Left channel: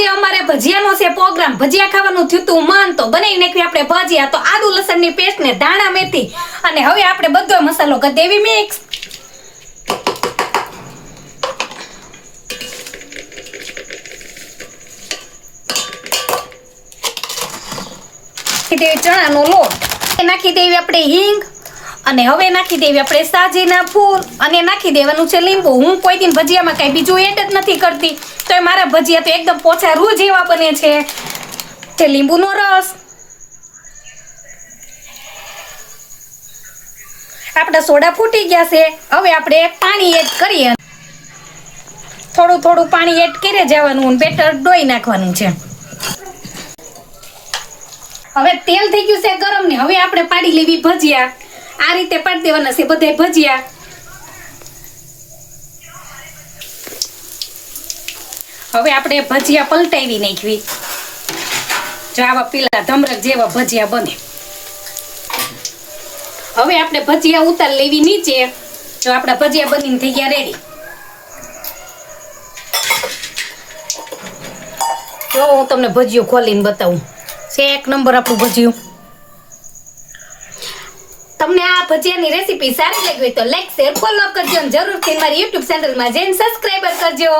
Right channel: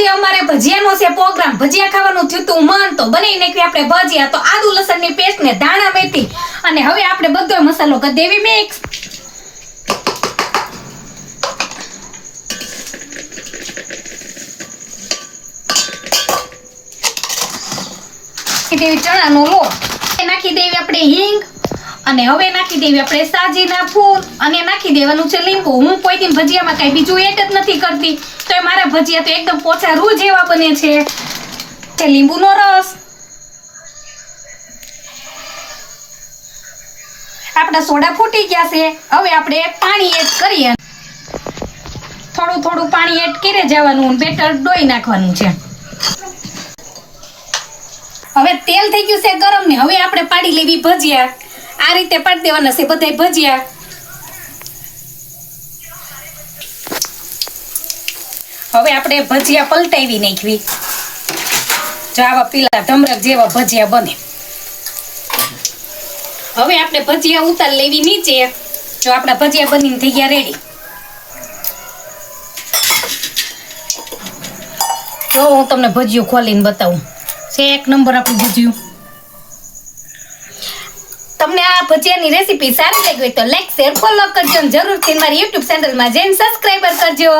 આજે અમારે ભજીયાનો છે પ્રોગ્રામ. ભજીયા ખાવાનું થયું તું મન તો બનાવી નાખ્યું આપણે ભજીયા. તો આદુ લસણની પેસ્ટ ને ધાણા મેથી અને હવે આપણે બધો મસાલો કરી દેવી મિક્સ. દેવી ચણાનો લોટ નાખી દેવી આપણે હિંગ અને હવે નાખી દેવી આપણે સાજીના ફૂલ અને નાખી દેવાનું છે લીંબુ. હું કોઈ દિન ભજીયામાં કઈ બીજું એડ જ નથી કરતી તો મારા ભજીયા તો એકદમ પોચા રૂ જેવા બને છે. લીંબુનો રસ, આપણા સોડા ફૂટી ગયા છે. હવે આપણે પાણી એડ કરીએ. થોડું થોડું પાણી એડ કરી જવાનું, બેટર ડોઈ નાખવાનું છે. હવે તેલ થઈ ગયું છે ગરમ ને હવે આપણે પાડી લેવી ભજીયા. આ રીતે પાડી દેવાના છે બધાય ભજીયા. હવે આપણે ભજીયા પલટાવી નાખવી. જો આવા પીલા ધમરક જેવા ભજીયા બને. હવે આપણે ભજીયા ઉતાર લેવી નીચે. જો આપણા ભજીયા બનીને થઈ ગયા રેડી. જો હું તમને ભજીયું ખોલીને બતાવું. એક નંબર આપણું ભજીયું. તમને આ ભજીયાની રેસીપી સારી લાગી હોય તો લાઈક શેર ફોલો કરજો અને જરૂરથી મારી YouTube ચેનલમાં જઈને સબસ્ક્રાઇબર કરજો.